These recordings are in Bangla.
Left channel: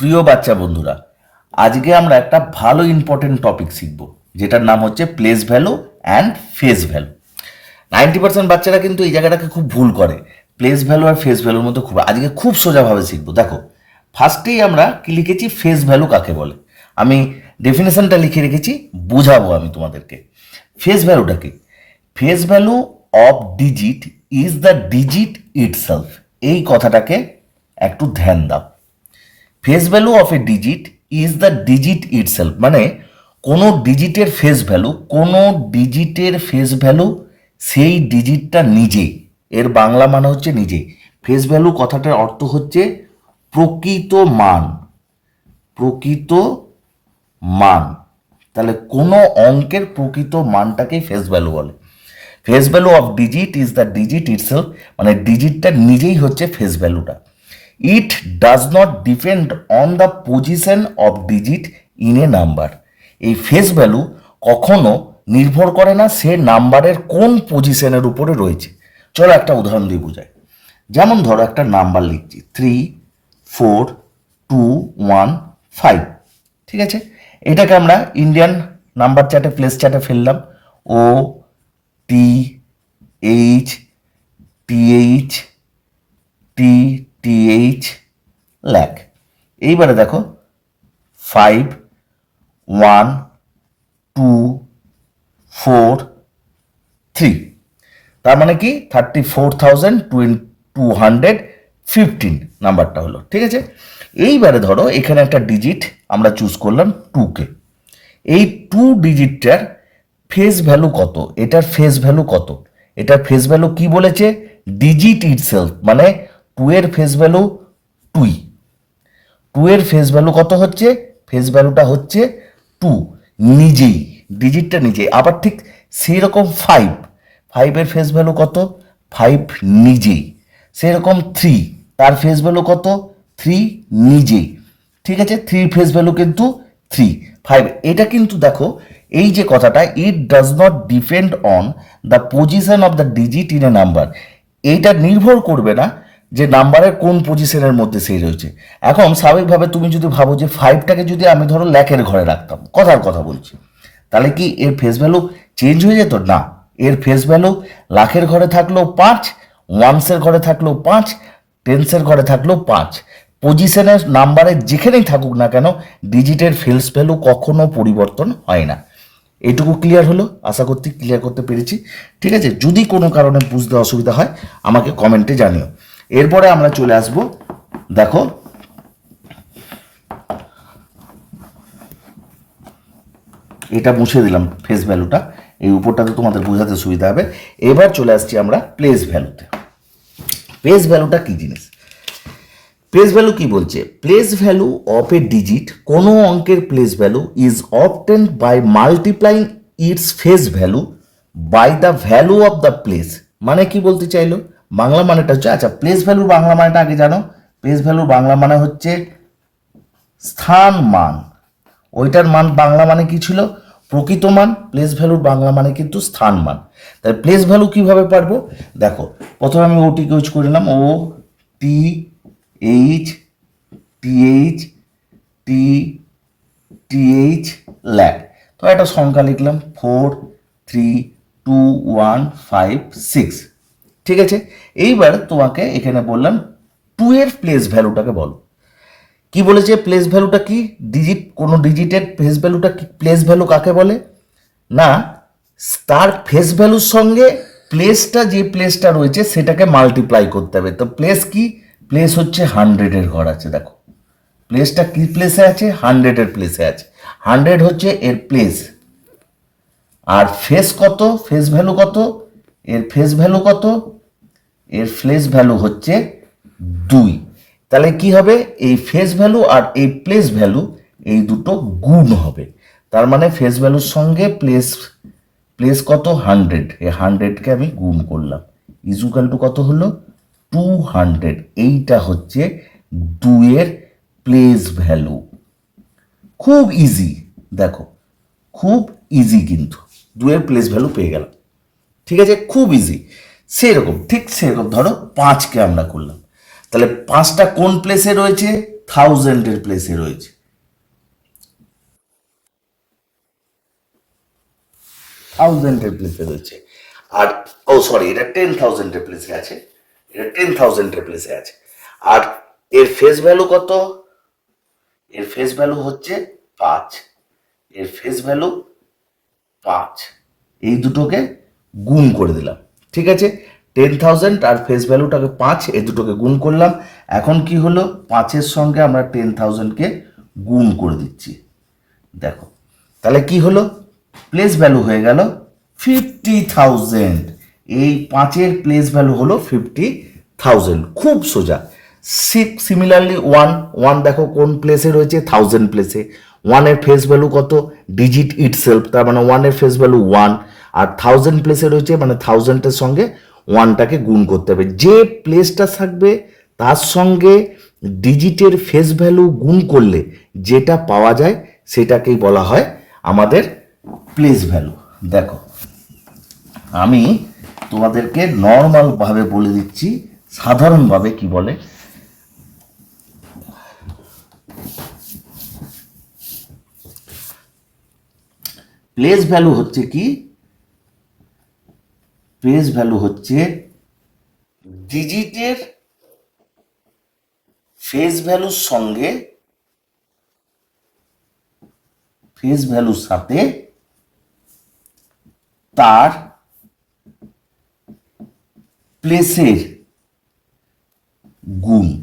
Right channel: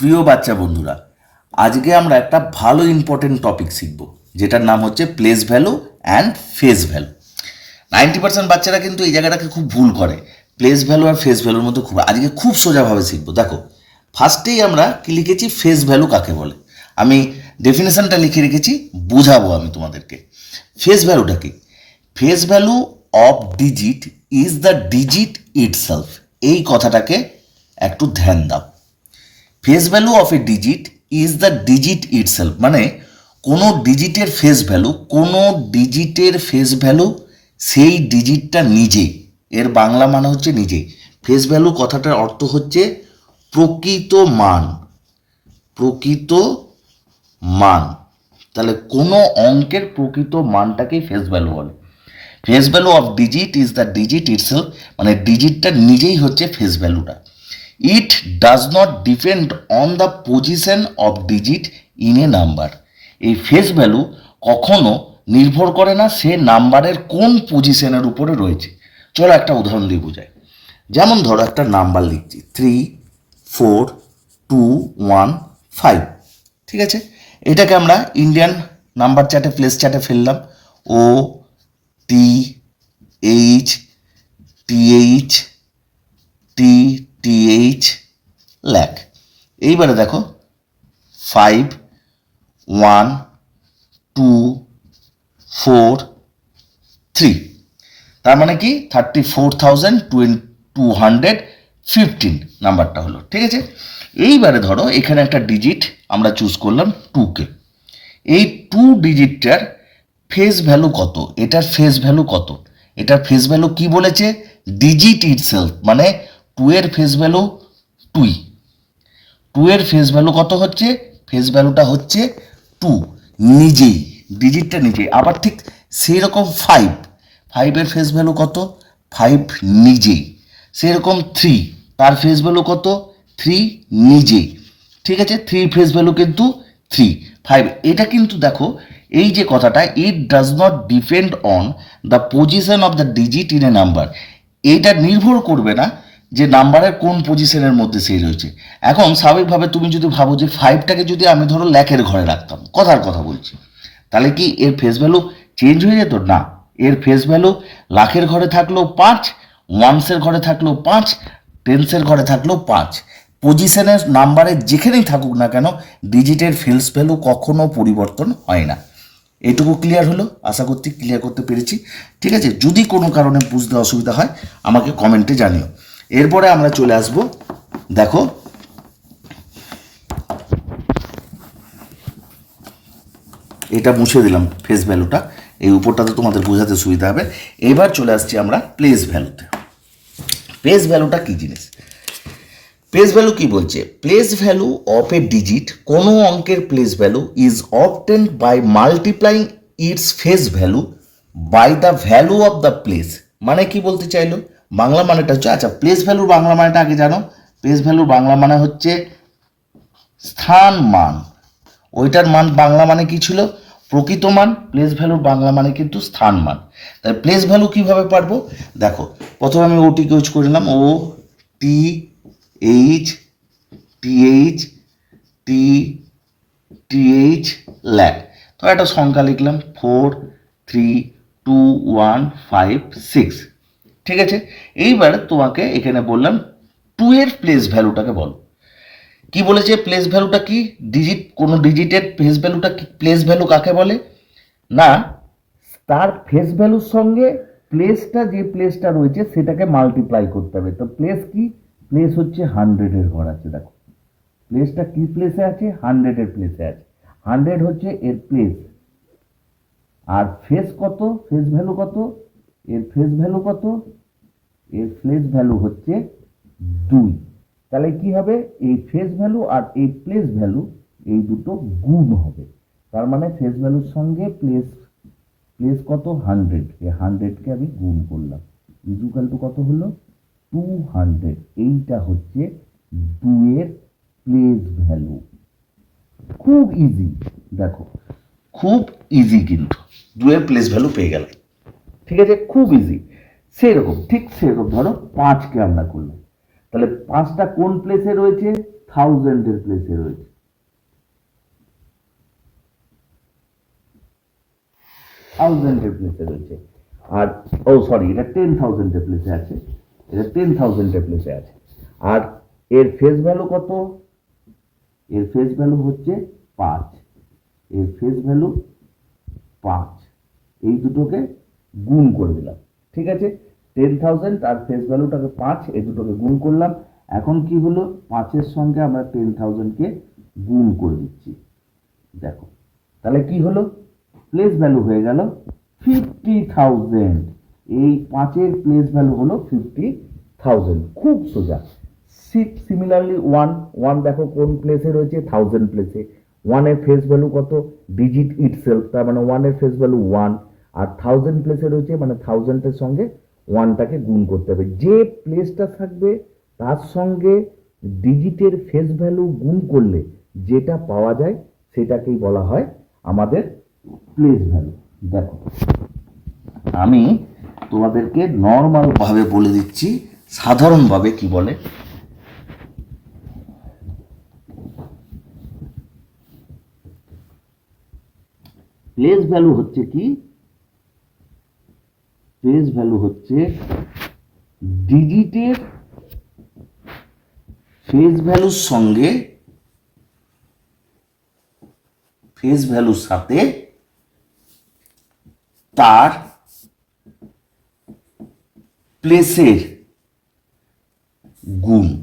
প্রিয় বাচ্চা বন্ধুরা, আজকে আমরা একটা ভালো ইম্পর্টেন্ট টপিক শিখব, যেটার নাম হচ্ছে place value and face value ninety percent বাচ্চারা কিন্তু এই জায়গাটাকে খুব ভুল করে প্লেস ভ্যালু আর ফেস ভ্যালুর মধ্যে খুব, আজকে খুব সোজাভাবে শিখব। দেখো ফার্স্টেই আমরা কি লিখেছি ফেস ভ্যালু কাকে বলে? আমি ডেফিনেশনটা লিখে রেখেছি, বোঝাবো আমি তোমাদেরকে। ফেস ভ্যালুটা কি? Face value of digit is the digit itself এই কথাটাকে একটু ধ্যান দাও। Face value of a digit is the digit itself মানে কোনো ডিজিটের ফেস ভ্যালু কোনো ডিজিটের ফেস ভ্যালু সেই ডিজিটটা নিজেই এর বাংলা মানে হচ্ছে নিজেই ফেস ভ্যালু কথাটার অর্থ হচ্ছে প্রকৃত মান। প্রকৃত মান। তাহলে কোনো অঙ্কের প্রকৃত মানটাকেই ফেস ভ্যালু বলে। Face value of digit is the digit itself মানে ডিজিটটা নিজেই হচ্ছে ফেস ভ্যালুটা it does not depend on the position of digit in a number এই ফেস ভ্যালু কখনো নির্ভর করে না সে নাম্বারের কোন পজিশনের উপরে রয়েছে। চলো একটা উদাহরণ দিয়ে বোঝাই। যেমন ধরো একটা নাম্বার লিখছি। Three four two one five ঠিক আছে? এটাকে আমরা ইন্ডিয়ান নাম্বার চার্টে প্লেস চার্টে ফেললাম। O T H TH T TH lakh. এইবারে দেখো, five, one, two, four, three. তার মানে কি? Thirty four thousand two two hundred fifteen নাম্বারটা হলো, ঠিক আছে? এইবারে ধরো, এখানে একটা ডিজিট আমরা চুজ করলাম টুকে। এই টু ডিজিটটার ফেস ভ্যালু কত? এটার ফেস ভ্যালু কত? এটার ফেস ভ্যালু কি বলেছে? ডিজিট ইটসেলফ মানে টু এর ফেস ভ্যালু টুই টু এর ফেস ভ্যালু কত হচ্ছে? ফেস ভ্যালুটা হচ্ছে টু নিজেই ডিজিটটা নিজেই। আবার ঠিক সেই রকম ফাইভ ফাইভের ফেস ভ্যালু কত? ফাইভ নিজেই। সেরকম থ্রি তার ফেস ভ্যালু কত? থ্রি নিজেই। ঠিক আছে? থ্রি ফেস ভ্যালু কিন্তু থ্রি ফাইভ এটা কিন্তু দেখো, এই যে কথাটা it does not depend on the position of the digit in a number এইটা নির্ভর করবে না যে নাম্বারের কোন পজিশনের মধ্যে সেই রয়েছে এখন স্বাভাবিকভাবে তুমি যদি ভাবো যে ফাইভটাকে যদি আমি ধরো ল্যাকের ঘরে রাখতাম, কথার কথা বলছি, তাহলে কি এর ফেস ভ্যালু চেঞ্জ হয়ে যেত? না, এর ফেস ভ্যালু লাখের ঘরে থাকলেও পাঁচ ওয়ান্সের ঘরে থাকলেও পাঁচ টেন্সের ঘরে থাকলেও পাঁচ। পজিশনের নাম্বারে যেখানেই থাকুক না কেন ডিজিটের ফেস ভ্যালু কখনো পরিবর্তন হয় না। এটুকু ক্লিয়ার হলো? আশা করছি ক্লিয়ার করতে পেরেছি। ঠিক আছে? যদি কোনো কারণে বুঝতে অসুবিধা হয়, আমাকে কমেন্টে জানিও। এরপরে আমরা চলে আসব, দেখো। এটা মুছে দিলাম ফেস ভ্যালুটা এই উপরটাতে তোমাদের বোঝাতে সুবিধা হবে। এবার চলে আসছি আমরা প্লেস ভ্যালুতে প্লেস ভ্যালুটা কি জিনিস? প্লেস ভ্যালু কি বলছে? Place value of a digit কোনো অঙ্কের place value is obtain by multiplying its face value by the value of the place মানে কি বলতে চাইলো? বাংলা মানেটা হচ্ছে আচ্ছা প্লেস ভ্যালুর বাংলা মানেটা আগে জানো। প্লেস ভ্যালুর বাংলা মানে হচ্ছে স্থান মান। ওইটার মান বাংলা মানে কি ছিল? প্রকৃত মান প্লেস ভ্যালুর বাংলা মানে কিন্তু স্থান মান। তাহলে প্লেস ভ্যালু কীভাবে পারব? দেখো, প্রথমে আমি ওটিকে ইউজ করে নিলাম। O T H TH T TH lack তো একটা সংখ্যা লিখলাম four three two one five six ঠিক আছে? এইবার তোমাকে এখানে বললাম টু এর প্লেস ভ্যালুটাকে বলো। কি বলেছে প্লেস ভ্যালুটা কি? ডিজিট কোনো ডিজিটের ফেস ভ্যালুটা কি? প্লেস ভ্যালু কাকে বলে? না তার ফেস ভ্যালুর সঙ্গে প্লেসটা যে প্লেসটা রয়েছে সেটাকে মাল্টিপ্লাই করতে হবে। তো প্লেস কি? প্লেস হচ্ছে হান্ড্রেডের ঘর আছে, দেখো। প্লেসটা কি প্লেসে আছে? হান্ড্রেডের প্লেসে আছে। হান্ড্রেড হচ্ছে এর প্লেস আর ফেস কত? ফেস ভ্যালু কত? এর ফেস ভ্যালু কত? এর ফেস ভ্যালু হচ্ছে দুই। তাহলে কি হবে? এই ফেস ভ্যালু আর এই প্লেস ভ্যালু এই দুটো গুণ হবে। তার মানে ফেস ভ্যালুর সঙ্গে প্লেস প্লেস কত? হান্ড্রেড এই হান্ড্রেডকে আমি গুণ করলাম। ইজুকাল টু কত হলো? টু হান্ড্রেড এইটা হচ্ছে দুয়ের প্লেস ভ্যালু খুব ইজি দেখো, খুব ইজি কিন্তু। দুয়ের প্লেস ভ্যালু পেয়ে গেলাম। ঠিক আছে? খুব ইজি সেরকম, ঠিক সেরকম। ধরো পাঁচকে আমরা করলাম। তাহলে পাঁচটা কোন প্লেসে রয়েছে? থাউজেন্ডের প্লেসে রয়েছে। থাউজেন্ডের প্লেসে রয়েছে। আর, ও সরি এটা টেন থাউজেন্ডের প্লেসে আছে। এটা টেন থাউজেন্ডের প্লেসে আছে। আর এর ফেস ভ্যালু কত? এর ফেস ভ্যালু হচ্ছে পাঁচ। এর ফেস ভ্যালু পাঁচ। এই দুটোকে গুণ করে দিলাম। ঠিক আছে? টেন থাউজেন্ড আর ফেস ভ্যালুটাকে পাঁচ, এ দুটোকে গুণ করলাম। এখন কি হলো? পাঁচের সঙ্গে আমরা টেন থাউজেন্ডকে গুণ করে দিচ্ছি। দেখো, তাহলে কি হলো? প্লেস ভ্যালু হয়ে গেল ফিফটি থাউজেন্ড এই পাঁচের প্লেস ভ্যালু হলো ফিফটি থাউজেন্ড খুব সোজা। সিক্স সিমিলারলি ওয়ান ওয়ান দেখো কোন প্লেসে রয়েছে? থাউজেন্ড প্লেসে ওয়ানের ফেস ভ্যালু কত? ডিজিট ইট সেলফ তার মানে ওয়ানের ফেস ভ্যালু ওয়ান আর থাউজেন্ড প্লেসে রয়েছে মানে থাউজেন্ডের সঙ্গে ওয়ানটাকে গুণ করতে হবে। যে প্লেসটা থাকবে, তার সঙ্গে ডিজিটের ফেস ভ্যালু গুণ করলে যেটা পাওয়া যায় সেটাকেই বলা হয় আমাদের প্লেস ভ্যালু দেখো, আমি তোমাদেরকে নর্মালভাবে বলে দিচ্ছি, সাধারণভাবে কি বলে? প্লেস ভ্যালু হচ্ছে কি? প্লেস ভ্যালু হচ্ছে ডিজিটের ফেস ভ্যালুর সঙ্গে ফেস ভ্যালুর সাথে তার প্লেসের গুণ।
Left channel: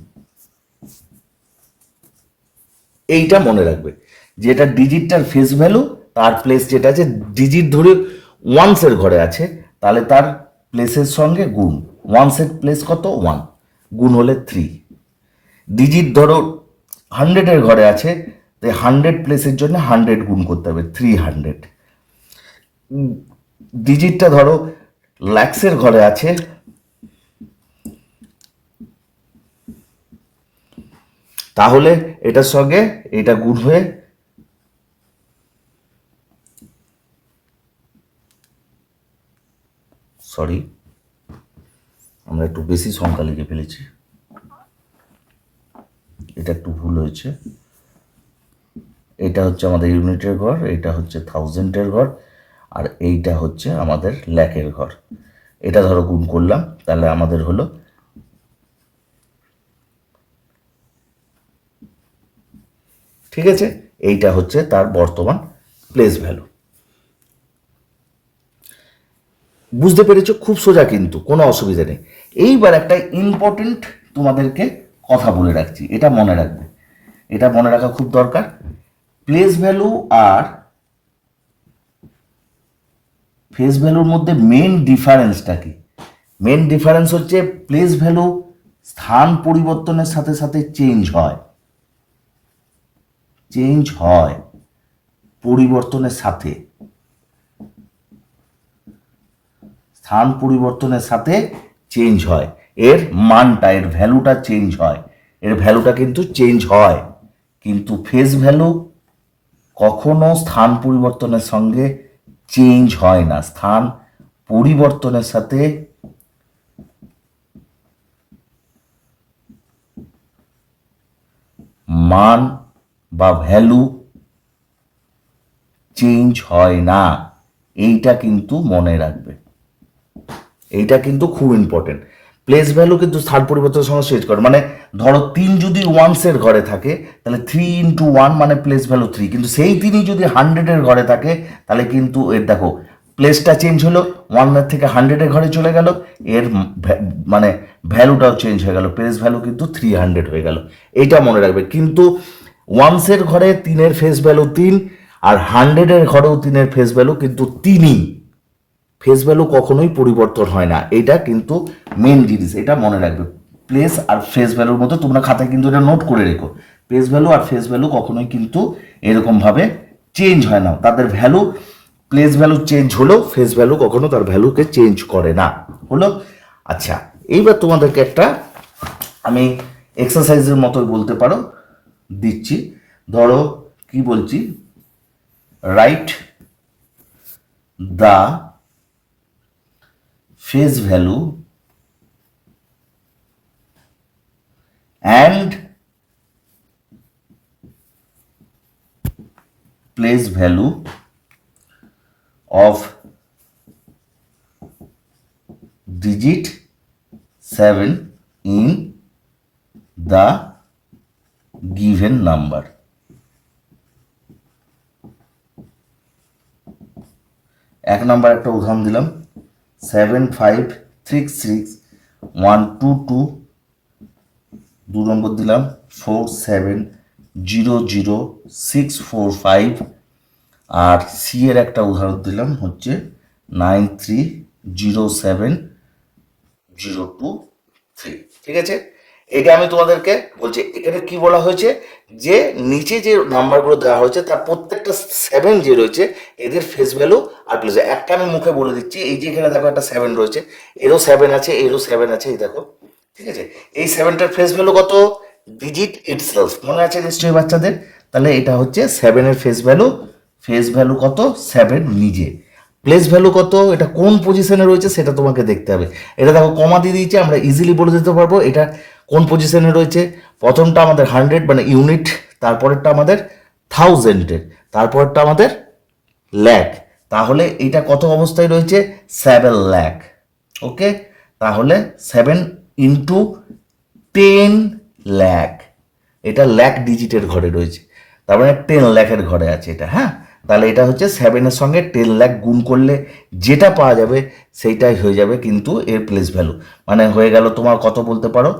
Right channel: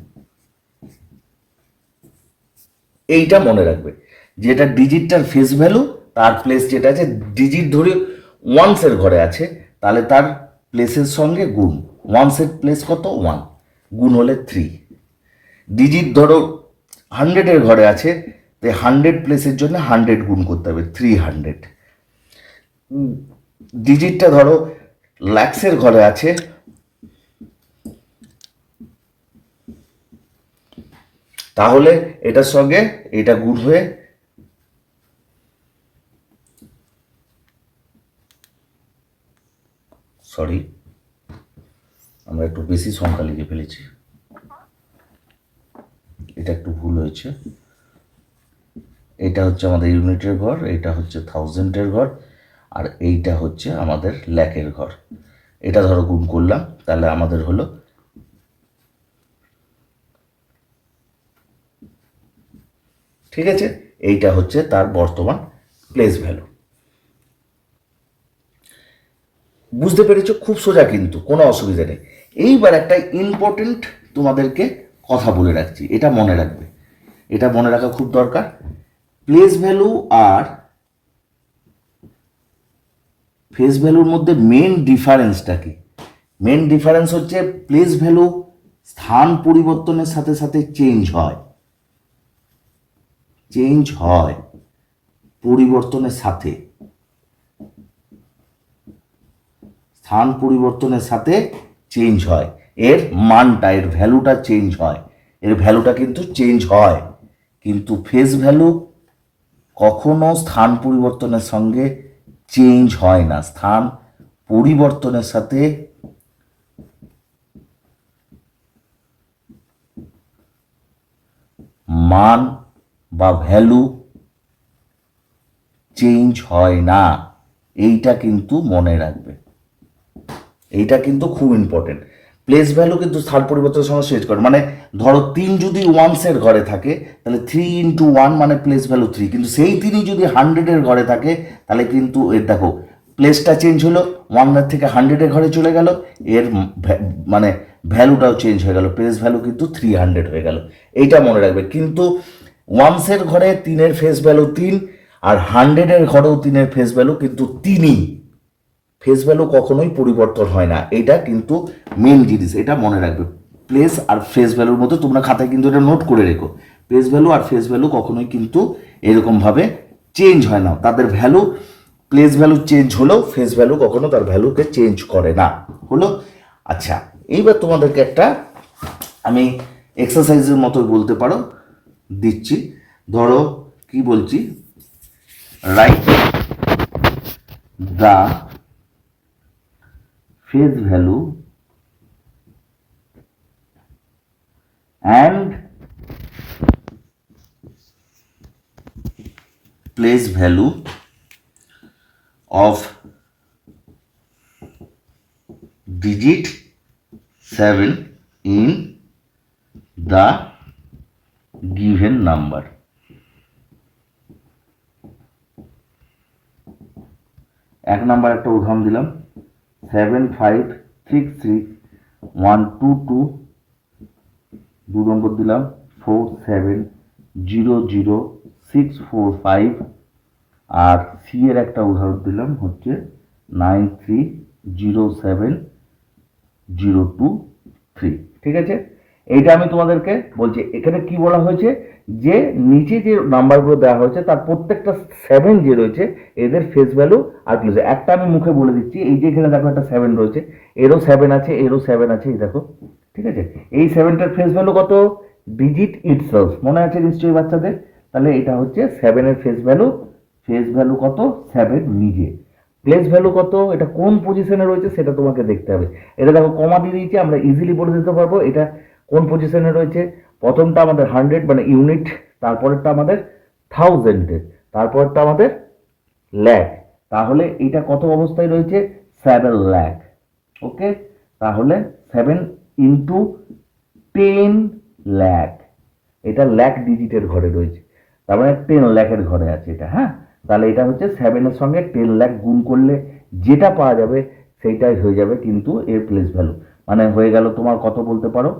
এইটা মনে রাখবে যেটা ডিজিটটার ফেস ভ্যালু তার প্লেস যেটা আছে ডিজিট ধরে ওয়ান্সের ঘরে আছে তাহলে তার প্লেসের সঙ্গে গুণ। ওয়ান্সের প্লেস কত? ওয়ান গুণ হলে থ্রি ডিজিট ধরো হান্ড্রেডের ঘরে আছে, তাই হান্ড্রেড প্লেসের জন্য হান্ড্রেড গুণ করতে হবে থ্রি হান্ড্রেড ডিজিটটা ধরো ল্যাক্সের ঘরে আছে, তাহলে এটার সঙ্গে এটা গুণ হয়ে সরি আমরা একটু বেশি সংখ্যা লিখে ফেলেছি। এটা একটু ভুল হয়েছে। এটা হচ্ছে আমাদের ইউনিটের ঘর, এটা হচ্ছে থাউজেন্ডের ঘর, আর এইটা হচ্ছে আমাদের ল্যাকের ঘর। এটা ধরো গুণ করলাম, তাহলে আমাদের হলো ঠিক আছে? এইটা হচ্ছে তার বর্তমান প্লেস ভ্যালু বুঝতে পেরেছ? খুব সোজা কিন্তু, কোনো অসুবিধা নেই। এইবার একটা ইম্পর্টেন্ট তোমাদেরকে কথা বলে রাখছি, এটা মনে রাখবে। এটা মনে রাখা খুব দরকার। প্লেস ভ্যালু আর ফেস ভ্যালুর মধ্যে মেন ডিফারেন্সটা কি? মেন ডিফারেন্স হচ্ছে প্লেস ভ্যালু স্থান পরিবর্তনের সাথে সাথে চেঞ্জ হয়। চেঞ্জ হয় পরিবর্তনের সাথে। স্থান পরিবর্তনের সাথে চেঞ্জ হয়। এর মানটা, এর ভ্যালুটা চেঞ্জ হয়। এর ভ্যালুটা কিন্তু চেঞ্জ হয়। কিন্তু ফেস ভ্যালু কখনো স্থান পরিবর্তনের সঙ্গে চেঞ্জ হয় না। স্থান পরিবর্তনের সাথে মান বা ভ্যালু চেঞ্জ হয় না। এইটা কিন্তু মনে রাখবে। এইটা কিন্তু খুব ইম্পর্টেন্ট প্লেস ভ্যালু কিন্তু স্থান পরিবর্তনের সঙ্গে চেঞ্জ করে। মানে ধরো তিন যদি ওয়ান্সের ঘরে থাকে, তাহলে থ্রি ইন্টু ওয়ান মানে প্লেস ভ্যালু থ্রি কিন্তু সেই তিনই যদি হান্ড্রেডের ঘরে থাকে, তাহলে কিন্তু এর দেখো প্লেসটা চেঞ্জ হলো ওয়ানের থেকে হান্ড্রেডের ঘরে চলে গেল, এর মানে ভ্যালুটাও চেঞ্জ হয়ে গেল প্লেস ভ্যালু কিন্তু থ্রি হান্ড্রেড হয়ে গেল। এইটা মনে রাখবে। কিন্তু ওয়ান্সের ঘরে তিনের ফেস ভ্যালু তিন, আর হান্ড্রেডের ঘরেও তিনের ফেস ভ্যালু কিন্তু তিনই। ফেস ভ্যালু কখনোই পরিবর্তন হয় না। এটা কিন্তু মেন জিনিস, এটা মনে রাখবে। প্লেস আর ফেস ভ্যালুর মতো তোমরা খাতায় কিন্তু এটা নোট করে রেখো। প্লেস ভ্যালু আর ফেস ভ্যালু কখনোই কিন্তু এরকমভাবে চেঞ্জ হয় না। তাদের ভ্যালু প্লেস ভ্যালু চেঞ্জ হলেও ফেস ভ্যালু কখনো তার ভ্যালুকে চেঞ্জ করে না। হলো? আচ্ছা এইবার তোমাদেরকে একটা আমি এক্সারসাইজের মতো বলতে পারো, দিচ্ছি। ধরো, কি বলছি? Write the face value and place value of digit seven in the given number এক নম্বর একটা উদাহরণ দিলাম। Seven five six six one two two দু নম্বর দিলাম four seven zero zero six four five আর সি এর একটা উদাহরণ দিলাম হচ্ছে nine three zero seven zero two three ঠিক আছে? এইটা আমি তোমাদেরকে বলছি, এখানে কি বলা হয়েছে? যে নিচে যে নাম্বারগুলো দেওয়া হয়েছে, তার প্রত্যেকটা সেভেন যে রয়েছে, এদের ফেস ভ্যালু আর প্লেস একটা আমি মুখে বলে দিচ্ছি, এই যে এখানে দেখো একটা সেভেন রয়েছে, এরও সেভেন আছে, এরও সেভেন আছে, এই দেখো, ঠিক আছে? এই সেভেনটার ফেস ভ্যালু কত? ডিজিট ইটসেলফ মনে আছে নিশ্চয়ই বাচ্চাদের? তাহলে এটা হচ্ছে সেভেনের ফেস ভ্যালু ফেস ভ্যালু কত? সেভেন নিজে। প্লেস ভ্যালু কত? এটা কোন পজিশনে রয়েছে সেটা তোমাকে দেখতে হবে। এটা দেখো কমা দিয়ে দিয়েছে, আমরা ইজিলি বলে দিতে পারব। এটা কোন পজিশনে রয়েছে? প্রথমটা আমাদের হান্ড্রেড মানে ইউনিট তারপরেরটা আমাদের থাউজেন্ডের তারপরেরটা আমাদের ল্যাক তাহলে এটা কত অবস্থায় রয়েছে? সেভেন ল্যাক ওকে তাহলে সেভেন ইন্টু টেন ল্যাক এটা ল্যাক ডিজিটের ঘরে রয়েছে। তার মানে টেন ল্যাকের ঘরে আছে এটা হ্যাঁ? তাহলে এটা হচ্ছে সেভেনের সঙ্গে টেন ল্যাক গুণ করলে যেটা পাওয়া যাবে সেইটাই হয়ে যাবে কিন্তু এর প্লেস ভ্যালু মানে হয়ে গেল তোমার কত বলতে পারো?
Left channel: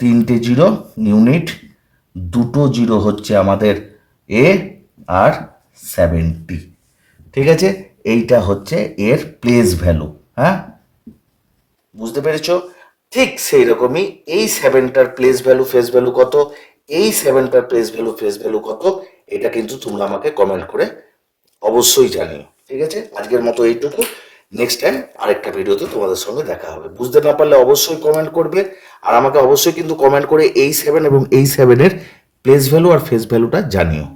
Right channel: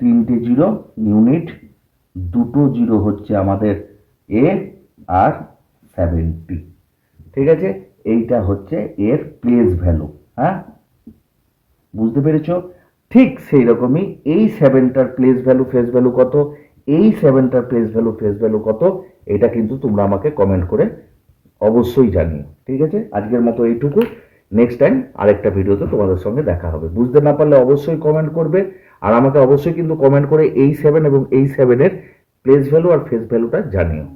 তিনটে জিরো ইউনিট দুটো জিরো হচ্ছে আমাদের এ আর সেভেন্টি ঠিক আছে? এইটা হচ্ছে এর প্লেস ভ্যালু হ্যাঁ? বুঝতে পেরেছ? ঠিক সেই রকমই এই সেভেনটার প্লেস ভ্যালু ফেস ভ্যালু কত? এই সেভেনটার প্লেস ভ্যালু ফেস ভ্যালু কত? এটা কিন্তু তোমরা আমাকে কমেন্ট করে অবশ্যই জানিও। ঠিক আছে? আজকের মতো এইটুকু। নেক্সট টাইম আরেকটা ভিডিওতে তোমাদের সঙ্গে দেখা হবে। বুঝতে না পারলে অবশ্যই কমেন্ট করবে। আর আমাকে অবশ্যই কিন্তু কমেন্ট করে এই সেভেন এবং এই সেভেনের প্লেস ভ্যালু আর ফেস ভ্যালুটা জানিও।